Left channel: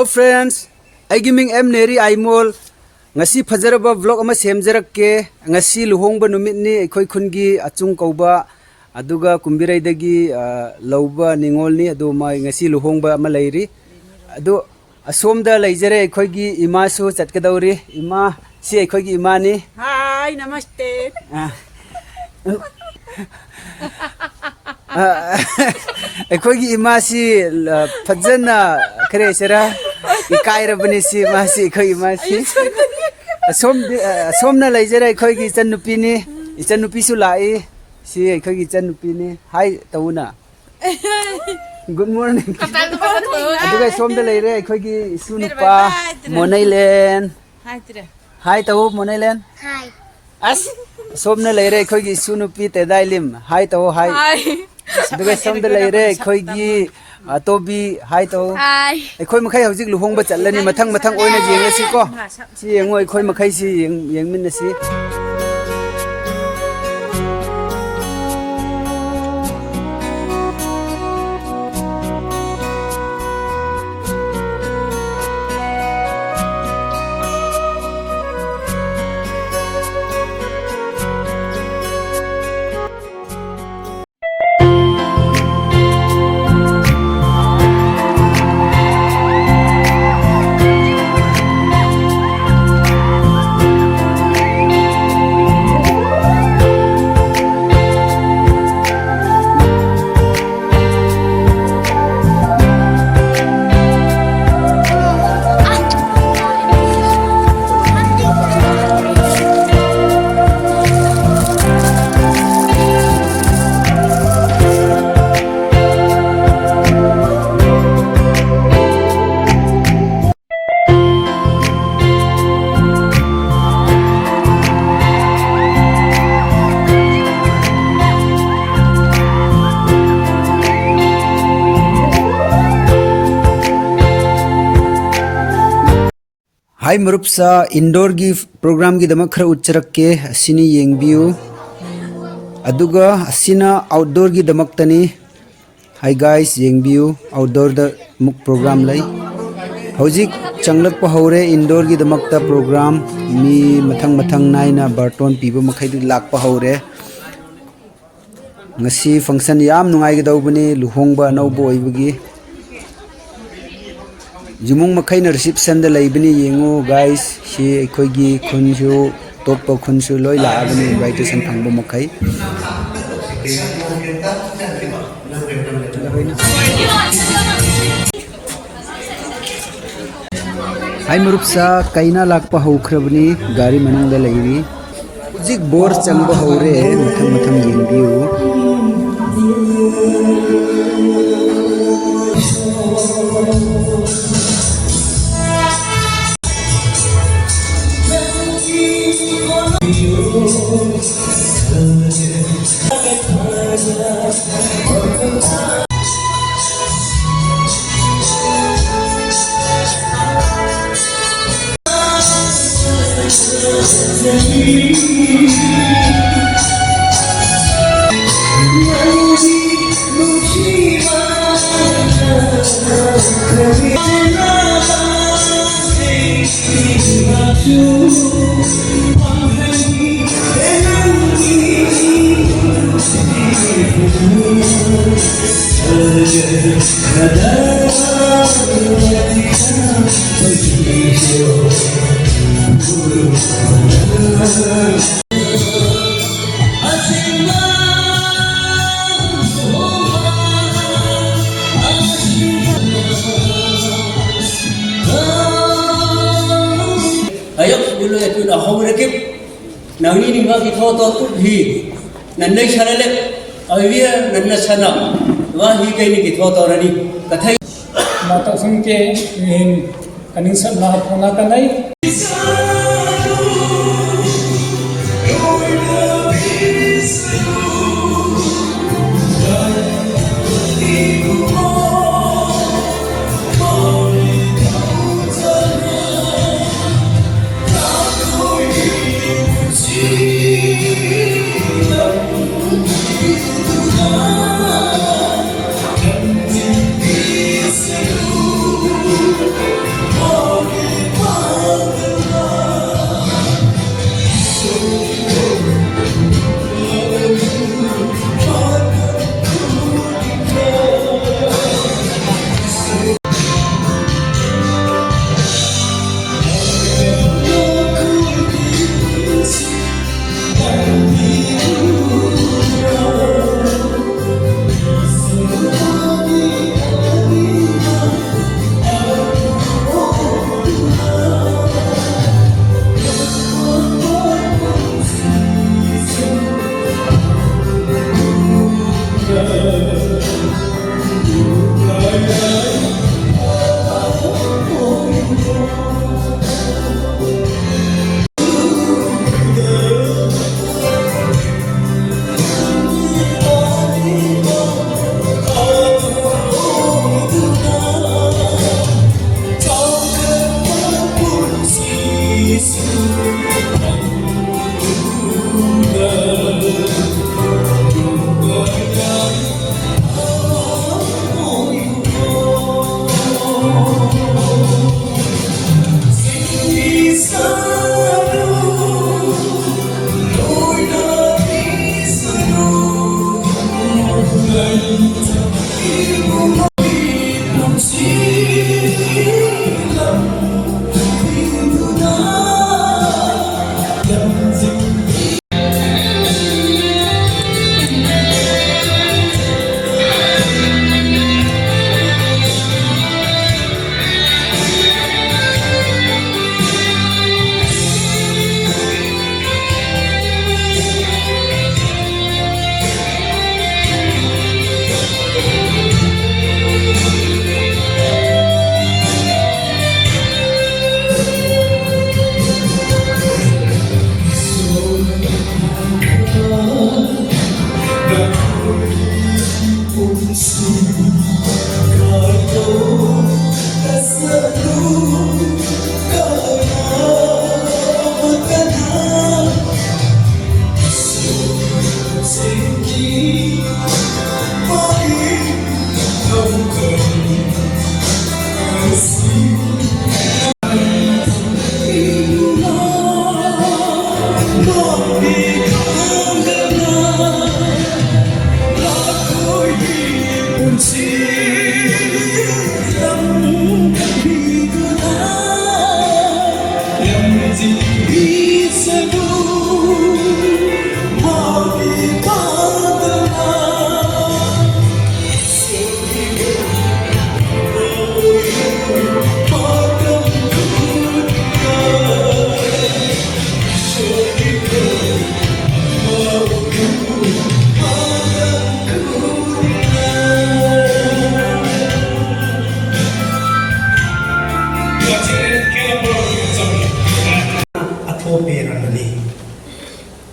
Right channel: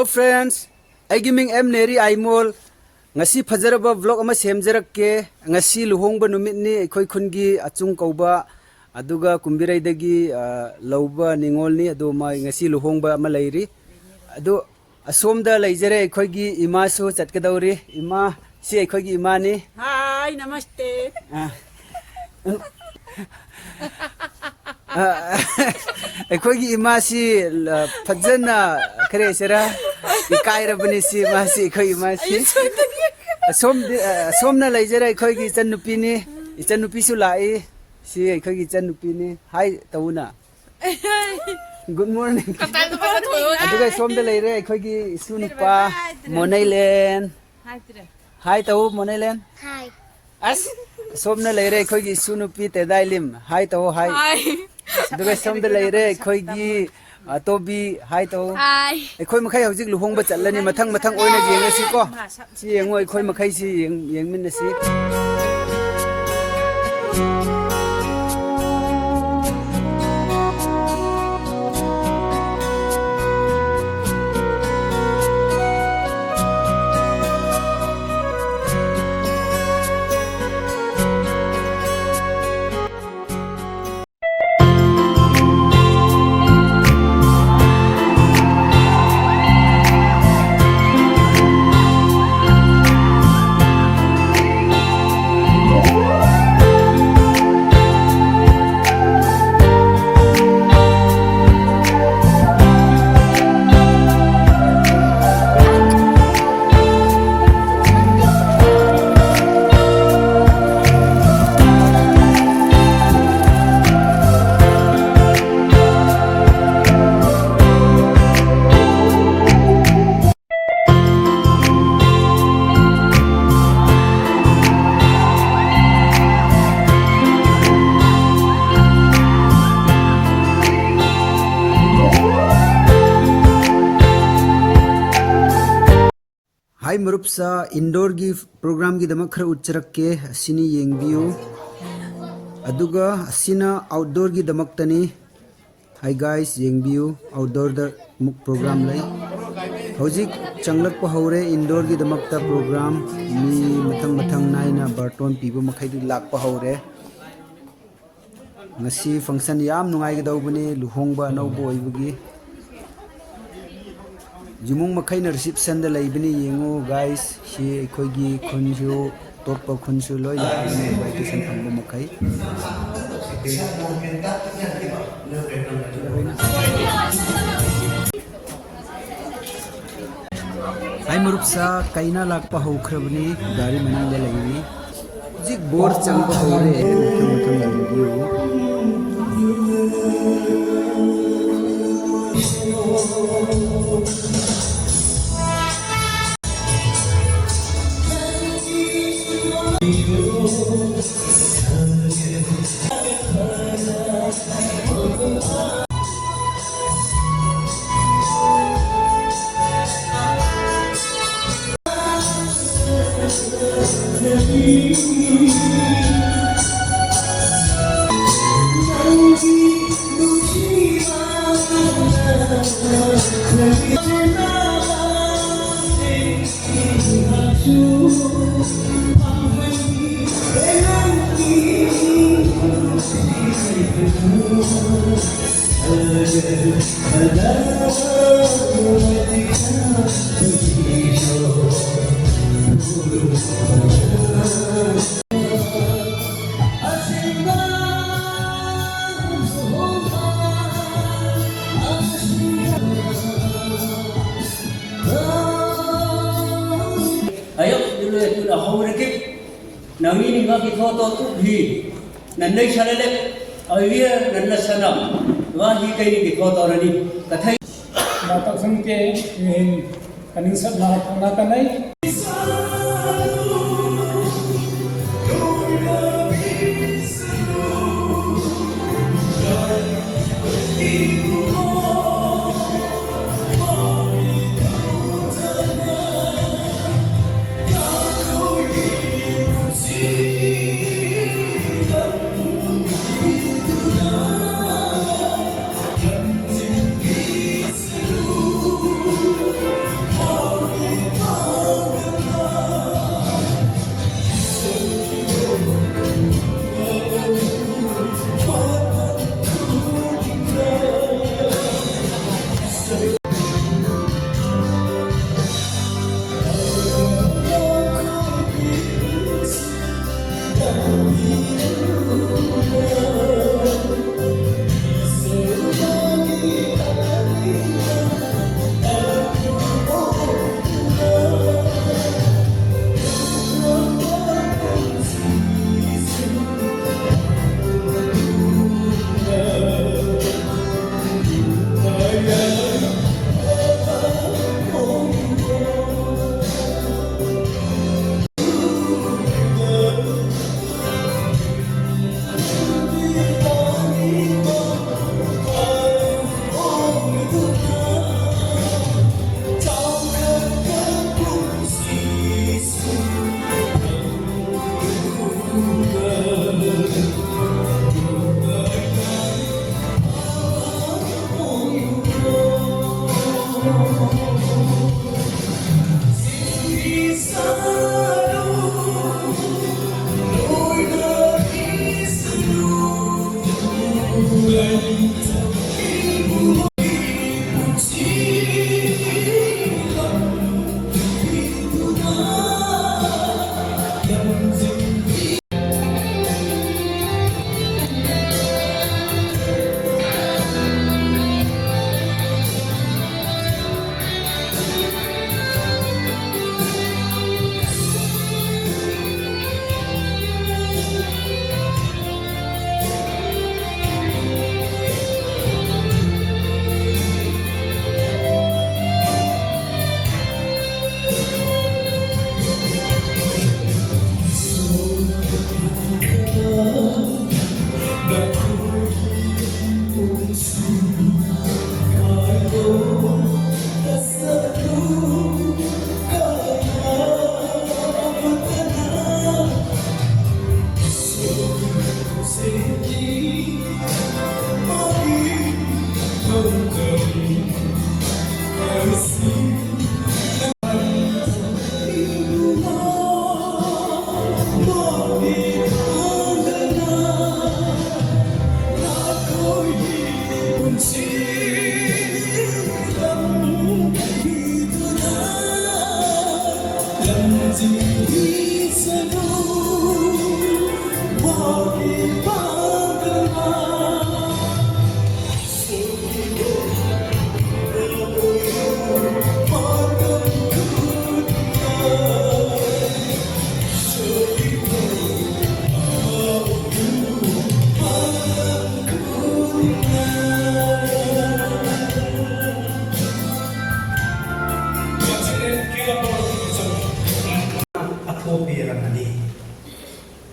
Hello friends, I giming M Neri Aimol. Ngasi fajaraba vlog ama semjarakke. Ngasi luhongba numit ni ekhoi khungi achung kauba aduga kumbirai dagi lauba ningol ni adu mai ngasi luhongba ama leiri. Adu asomda leijare ekhoi gi ima su chatkadauri. Ima si ekhoi gi ima ni. Hi, namaste. ekhoi gi ima si fajana kare sera ikaira bani si ma si ekhoi ima si somna leijare ekhoi gi channupi ni channupi su lai si ekhoi gi channupi ni hi tauna good morning aduga somda leire ekhoi gi sunupa monailen hi tau monailen Hi. as somna leire ekhoi gi sunupi tedailim hi tau hi aduga somda leire ekhoi gi tobi hi tau Hi. ekhoi makhai hojik luhongba chalani mathang mathang oina jengasi ko si yengo ekhoi makhai si yengminasi Hi Marupsa indoor gi program gi dama khara ucharakke asini yengbiu aduga asina outdoor gi damak tani hi guys yengbiu outdoor da muk program lai hojik changlak pa hore indoor gi damak ta program mi mathang mathang naina barton piba makhai du lak pa hore ngasi function yam nungai gi dawbani luhongba naubo oibagi Jumung makai na reception da laibini yengu guys si ekhoi gi khunju top khunju loi la abani invitation phangbo makai Hai Marupsa kaina lakpa haukrabni gari manang da lairi jik bor changba haure mathang mathang yengbiu ayok dulu itu dah hawrekip nang ini nggak kita tahu hi nanai sana awia nanna sana wah hi kaini kita tahu rani kathai mata singke in kaning sab na pona kanai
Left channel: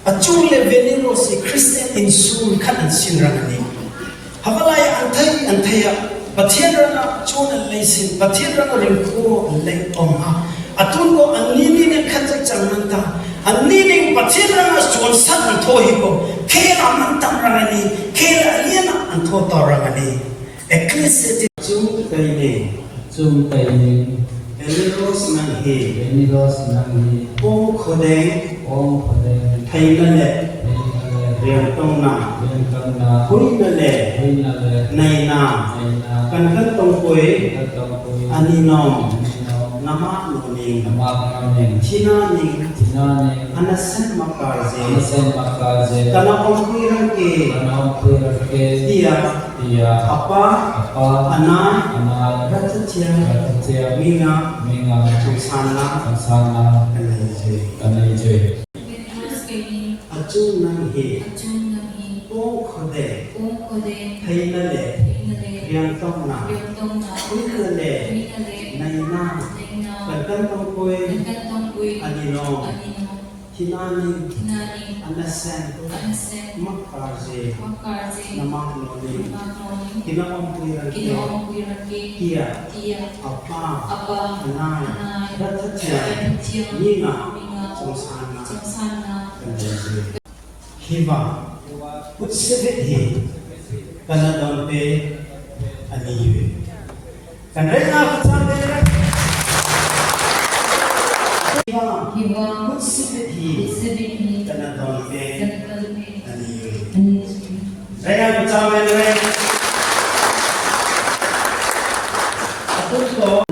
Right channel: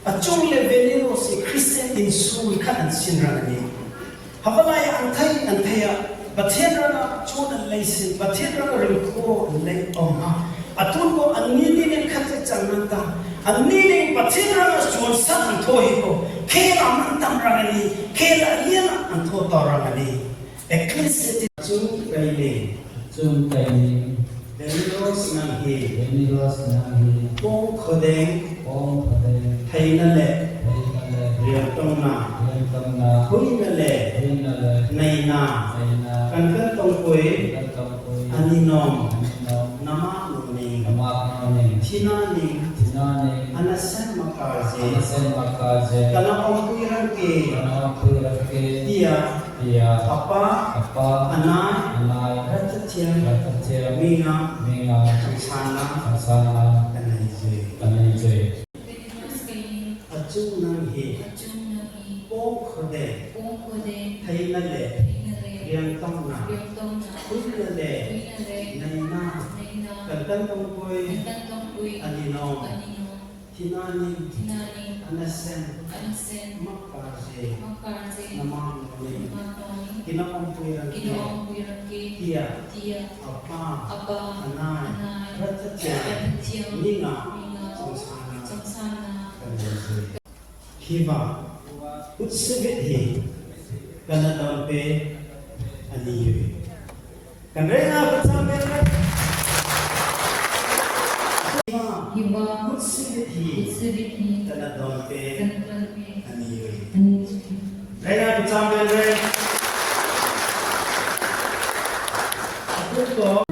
Acung le venino si Christian in sun kan an sin rangani havalai anthaya pathian ranga chon an leisin pathian ranga ringko an lei omha atun ko anini ne khatak chanmanta anini pathian ranga chon sat an thohi ko khela mantam rangani khela aliana an tho to rangani ecclesia chung kaini Beniros nanghi Om Khodeng Thainale Riantongna Huinale Naina Kankan Tongkoi Aninom Nama Nuning Tina Ning Anaset Makaze Kana Omkirangke Dia Apa Anai Ratatia Minga Susana Kanai Acung Nanghi Om Khodeng Thainale Riantongna Huinale Naina Kankan Tongkoi Aninom Tina Ning Anaset Makaze Nama Nuning Kina Omkirangke Kia Apa Anai Ratatia Minga Susana Hiva Utsevit hi Kana dompe Aniyu Kanrena Kutambe Hiva Utsevit hi Kana dompe Aniyu Rena Kutambe Atutko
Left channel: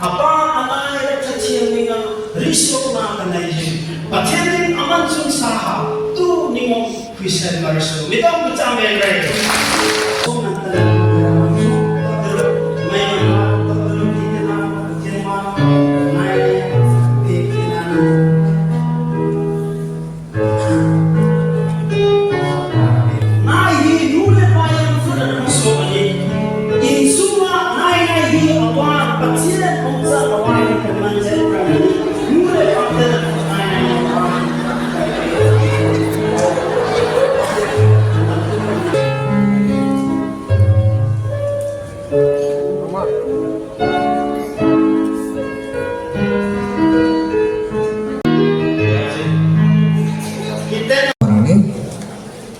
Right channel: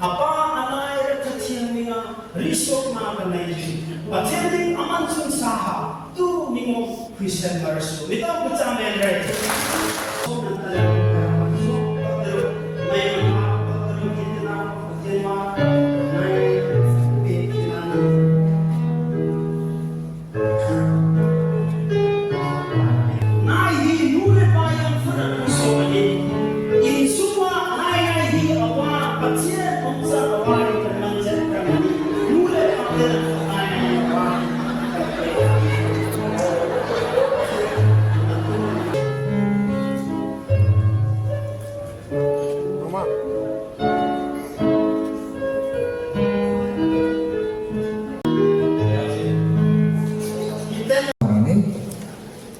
apa anai ratatia minga risok na kanai pathian aman sung saha tu ningom Christian marso midang butamen re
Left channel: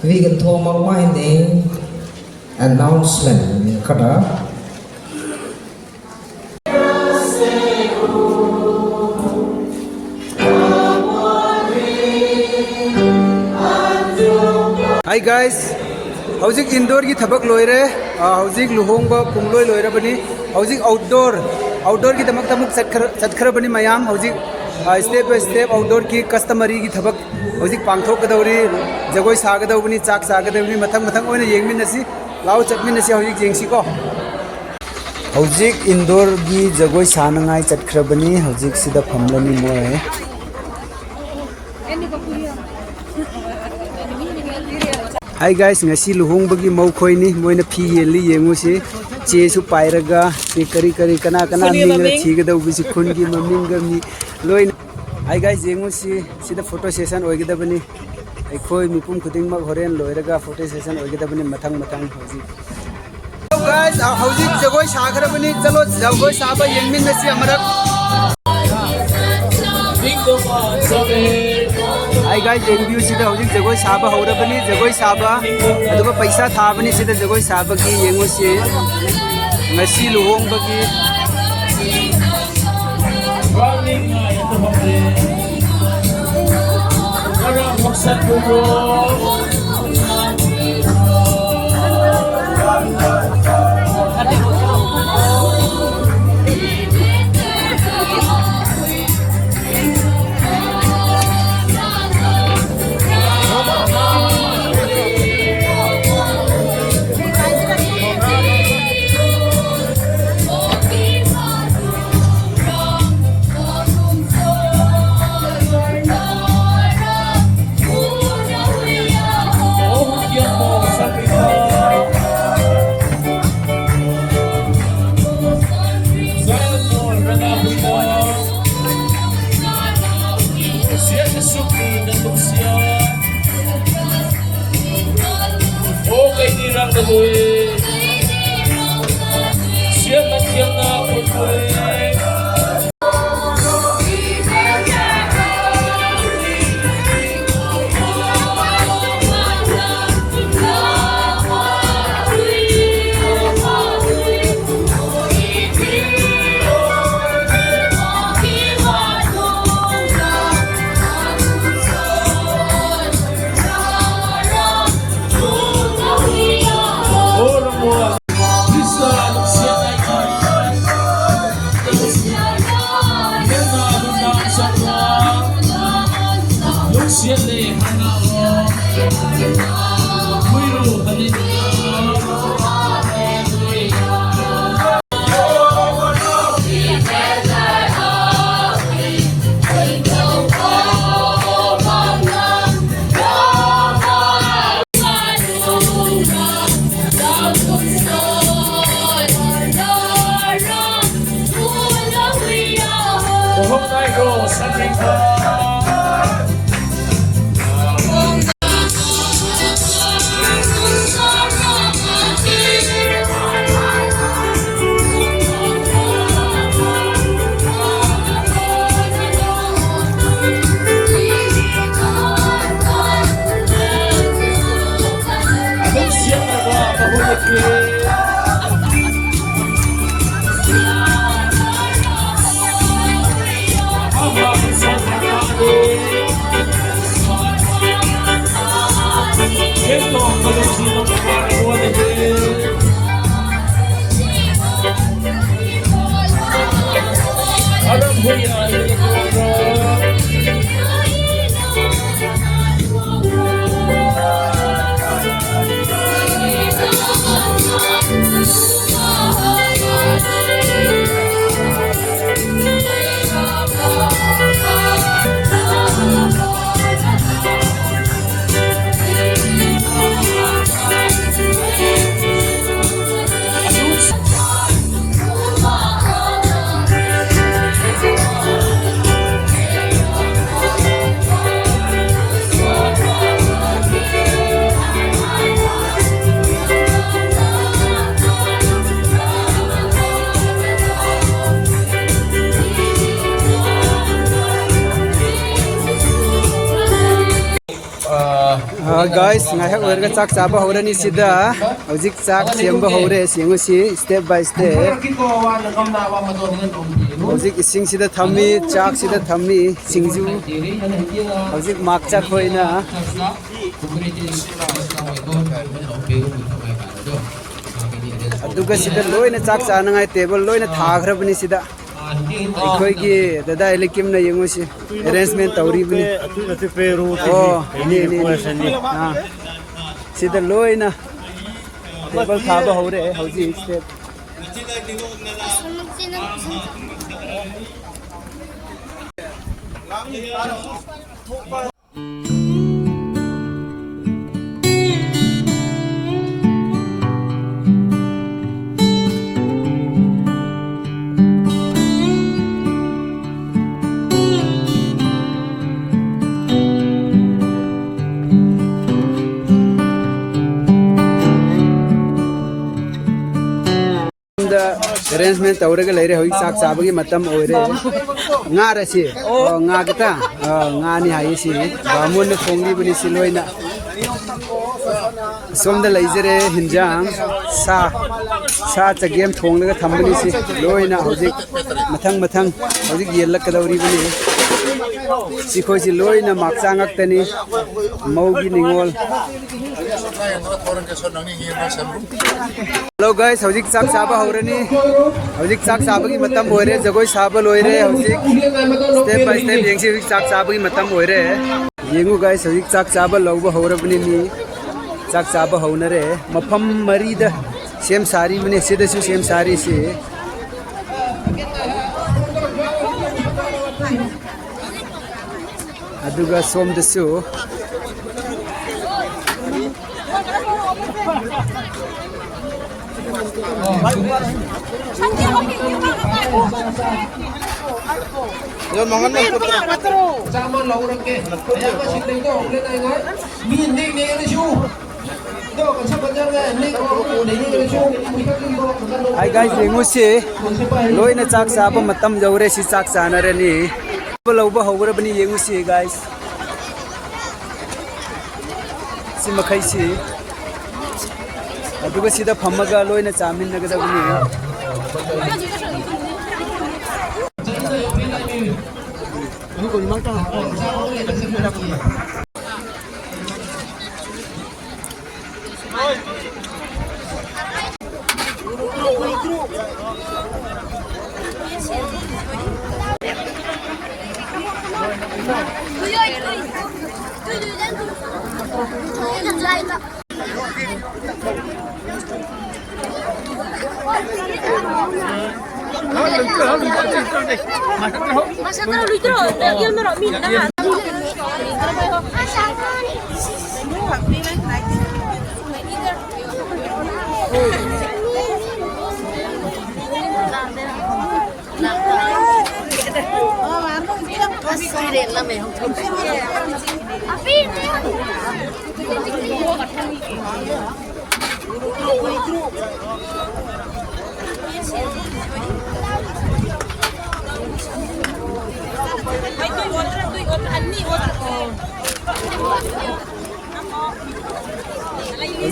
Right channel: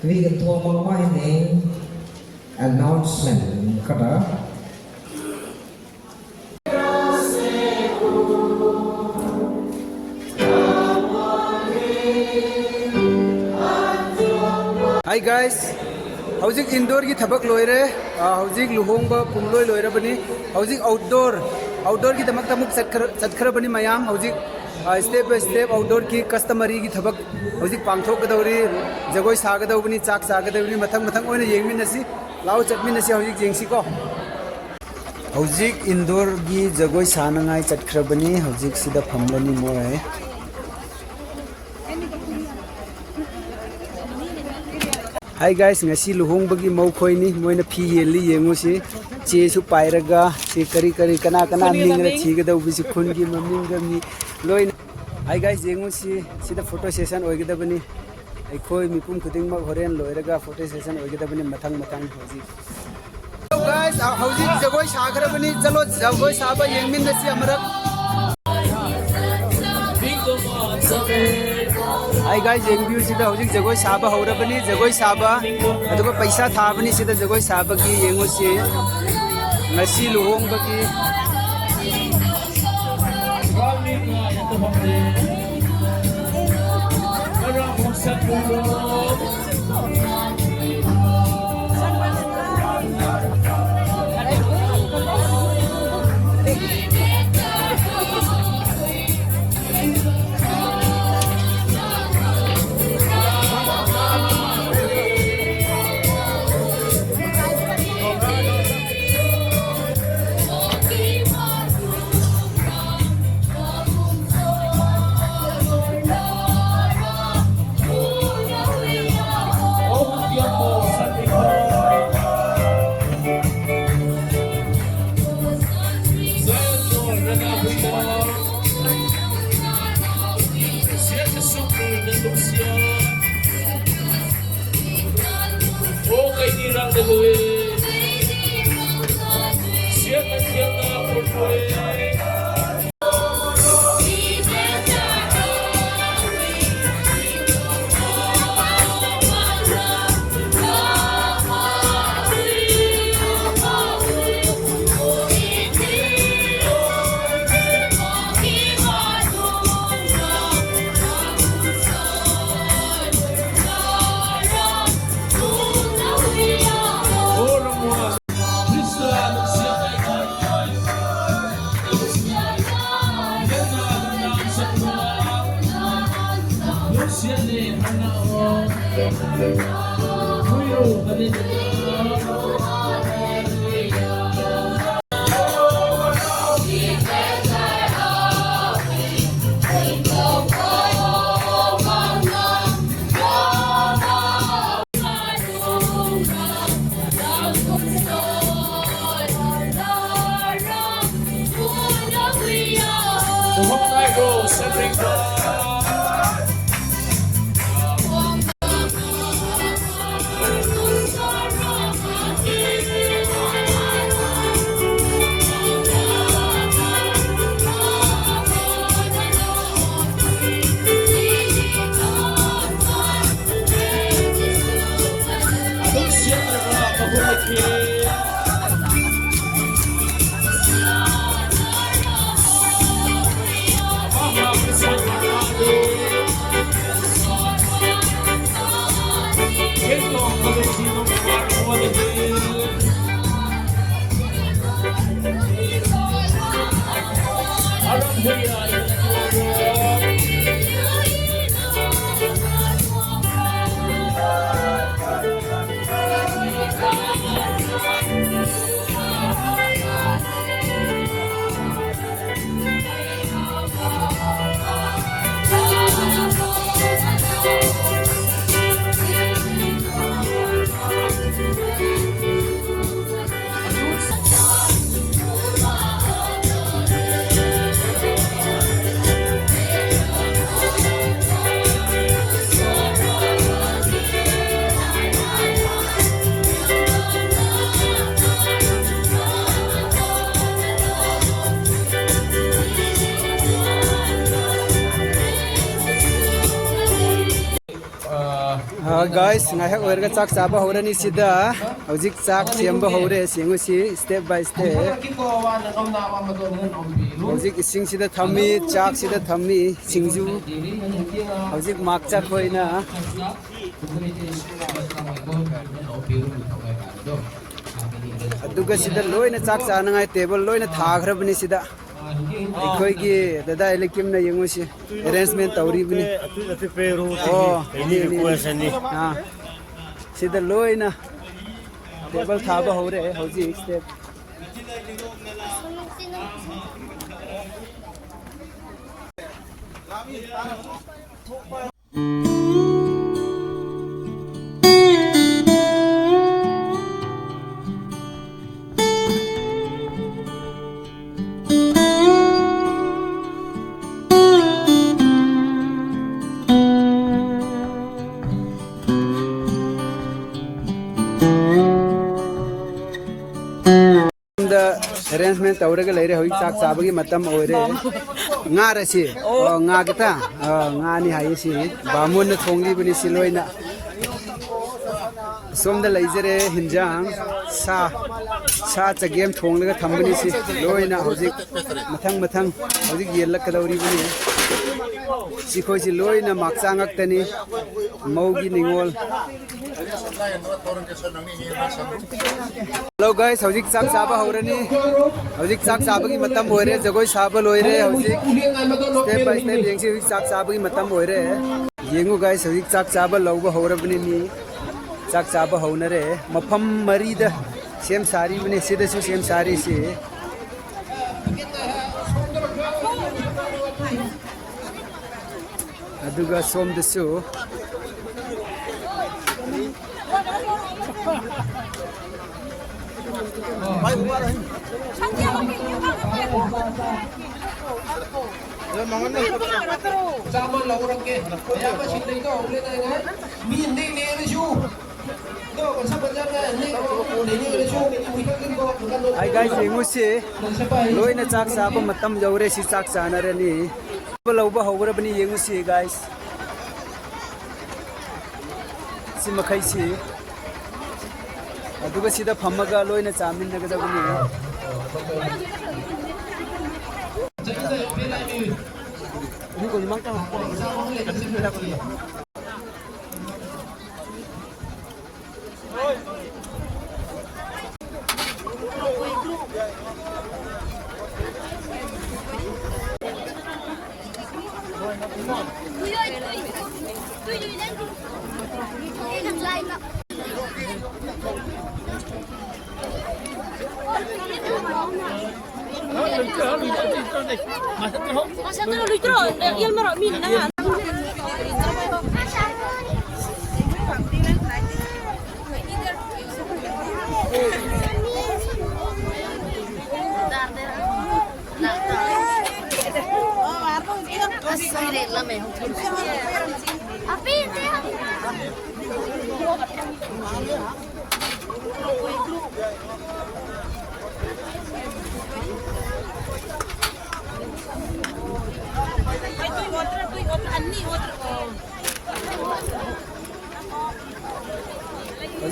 vì gần thô mong mai đến announcement kada Hi guys, howzik indoor ki thabak loire, howzik luhongba pungloi loire bani, howzik outdoor ki tamak tamuk satkhara bani mayam howzik step by step outdoor ki customary ki thabak howzik pangthok kadawri jagoi sagadawni chak sagadawni mathang oina yengminasi lao chatminasi howzik jengsi ko howzik indoor gi jagoi sanangai chatkhara bani howzik sida phamlani moe Hi guys, ngasi luhong bagi mau khoi ni moina phi yeli yengu si che su pairaga se kari kana ninga thiga da ubi si khun gi maming ga mi loi Hi guys, yengu si sida photo session oigida bani khoi mi pum khuding mak horen loiraga photo session oigida bani mathang hoji guys, howzik jagoi sagrabani chalo jagoi saba yengmin nasi amarak. Hi guys, review sida howzik jagoi saba haurabani jagoi saba aduga paisa thabani sida jagoi saba ki yengo se ngasi luhong bagi guys, ngahak warga chak chaba horani sida hojik chak siamba hore singu si step by step hojik ising sida thammi chak sida thammi singju hojik mak chak hoina aduga sida loina chak chanangai table loina thaghrabani sida ꯑꯩꯈꯣꯏꯒꯤ ꯗꯗꯥ ꯏꯂꯤꯀꯤꯝꯅ ꯌꯦꯡꯉꯨꯁꯤ arrangement ꯇꯧꯔꯤꯕꯅꯤ ꯑꯣ ꯁꯤꯗ ꯂꯣꯏꯅ table ꯊꯥꯕ ꯍꯧꯔꯦ ꯍꯧꯖꯤꯛ step arrangement tawrega leire hoi sak sabagi matam oire nga ra si nga kita nga ni hai si bamon na thongli bani siloina somda leizere hinjang sa chagem thonglaga thambani si loina hojik mathang hojik yelak kadawri bani si khoi si loina maksa ngak tani maugi ningol. Hello guys, hojik sak saba horani hojik sak saba gi matam hoire jagoi saba loire hojik step by step yengsi hojik sak saba gi matam hoire yengu guys hojik sak saba lawba horabni mi sak saba honare mafam marida sem sari bani sida su sem sari si aduga som dasu Yon mangan na putra. Sama laurang ke. Kaya pa si Tito, ulit na nga. Hindi ni Elisyo. Ito, kasi pa dyan nga, hindi ko ni Elisyo. Hi guys, yengu si loi na chak saba matam jaure si chak sana re ni lawba hawra bani yengu si guys si makai si aduga sida phamaga loi na chamin na ga bani Masakan lu itu, dia merok minat.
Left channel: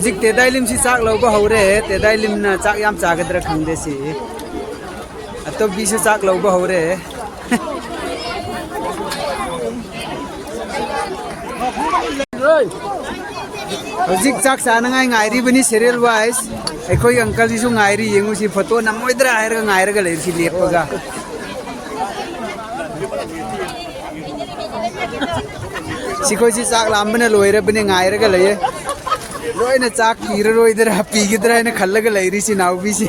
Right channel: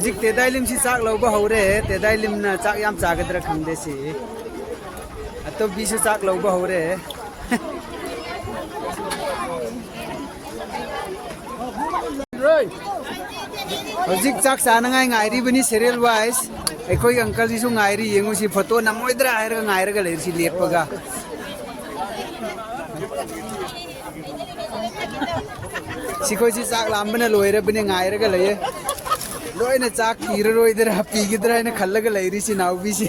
Zik tedailim si chak lawba hore tedailim na chak yam chagadra khangde si ato bi si chak lawba hore zik chak sana ngai ngairi bani serial wise ekhoi uncle ji su ngairi yengu si photo namoidra air ngair ga leir si lepaga si khoi si chak lambana loire bani ngair ga leye Roy na chak kira roy idhar happy gidra na khalla ga lairi si now bi si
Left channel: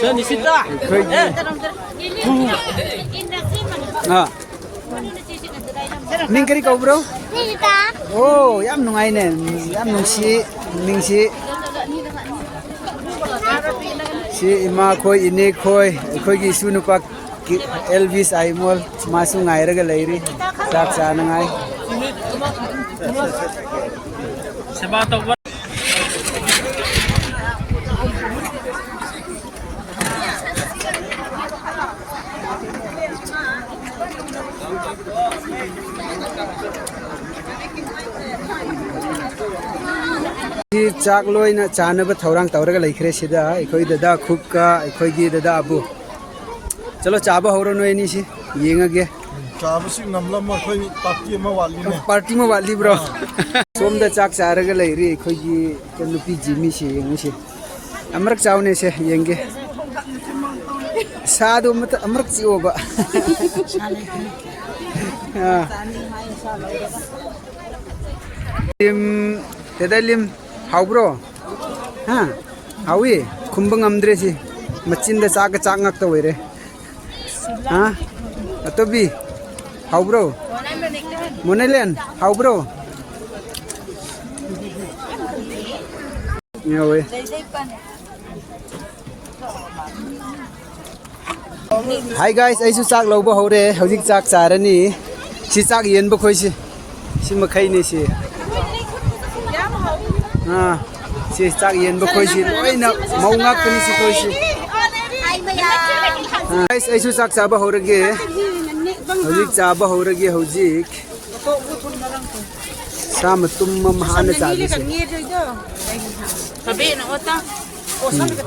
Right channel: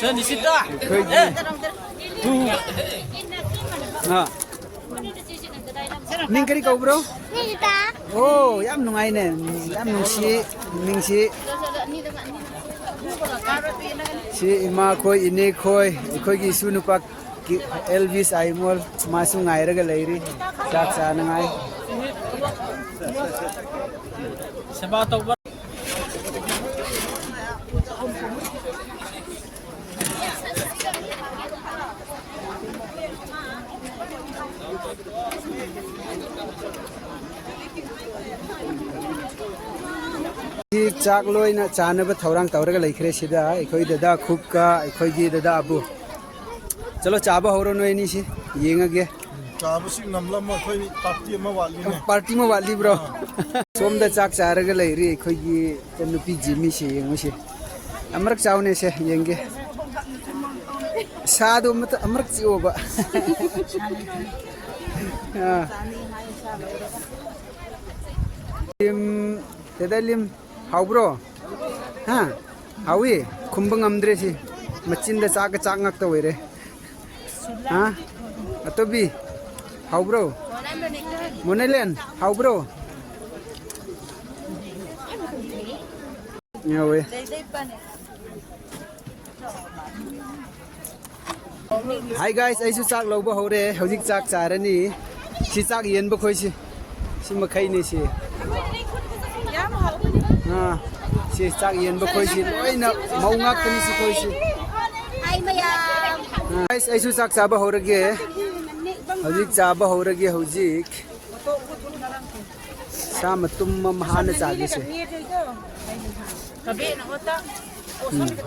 So nisita. ha ning kari ko bro oh yam nungai ne yam nungsi ning si ima khoi ine khoi khoi gi sunu pak Elvis Aimol masu ngai ra ga lairi chak sa ngai Sabata wa. chak loi na chana ba thorang tawra ga laikhre sida ekhoi dada khub ka ekhoi gi dada abu chalo chaba horo no ni si yenga ge Chaba ngamlam ma khoi party ma wali ne party ma wali bro som da chak chara ga lairi ekhoi gi lupi jimi si yengu si amrak chaune se yenge sadu mat amrak si oba tedalim how bro ha hawi kumbang amdre si machin da chak chak ngak to were ha atobi how bro monelen how bro yawe hi guys aisu chak lobo hore hojik chak charani si chak yen ba khoi si makhai ni si ꯁꯤ ꯆꯥꯛ ꯌꯦꯟꯕ ꯈꯣꯏꯁꯤ ꯂꯣꯏꯅ ꯃꯧ ꯉꯥꯛꯇꯅꯤ ꯁꯤ ꯈꯣꯏꯁꯤ ꯑꯩꯁꯨ ꯆꯥꯛ ꯆꯥꯕ ꯍꯧꯔꯒꯦ ꯍꯧꯖꯤꯛ ꯆꯥꯕ ꯍꯧꯔꯒꯦ ꯍꯧꯖꯤꯛ ꯁꯥ ꯃꯇꯨꯝ ꯑꯃ ꯍꯥꯟꯅ ꯆꯥꯕꯤꯁꯦ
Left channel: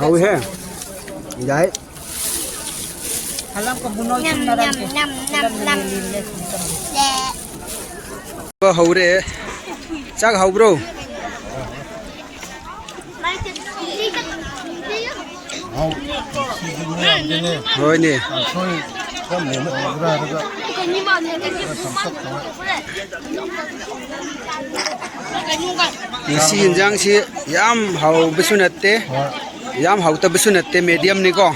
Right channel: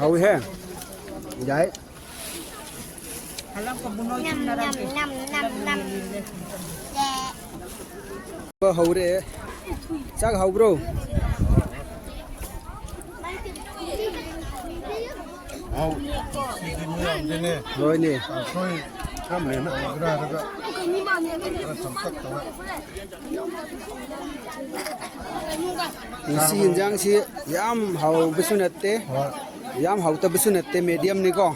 ꯍꯧꯏ ꯍꯦ ꯌꯥꯏ hꯧरे chắc hầu bro rồi nè si hình dáng si yam hầu bisu natte yam hầu ta bisu natte medium ni ko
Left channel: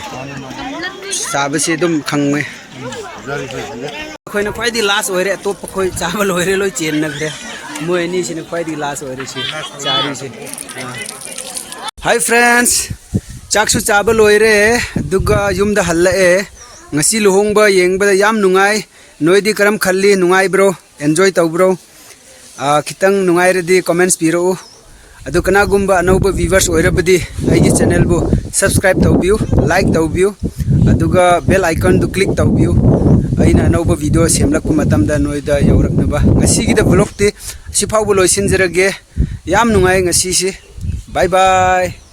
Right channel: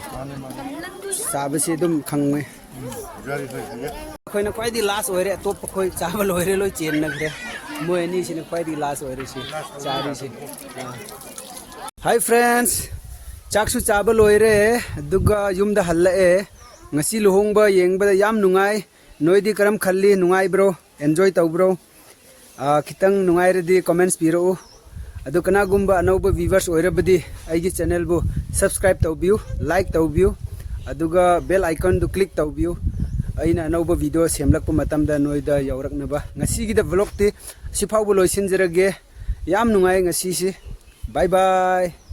sa bisi dum khang me khoi na khoi di last oire to khoi chawal oire loi chen na gre moi ni sin khoi di last oire si chari si hi friends chak su chawal oire duga yum da halla e ngasi luhong ba yeng ba yam nungai noi di karam khalli nungai bro enjoy taw bro khitang nungai re di comments piro adu kana gumba anauba viewers oire badi ai channel bu subscribe taw biu like taw biu aduga bell icon du click taw biu aina anauba video semlak ku matam da noida yaurak na ba ngasi gi da vlog ti siphau bu loisin jerage yam nungai ngasi si bye bye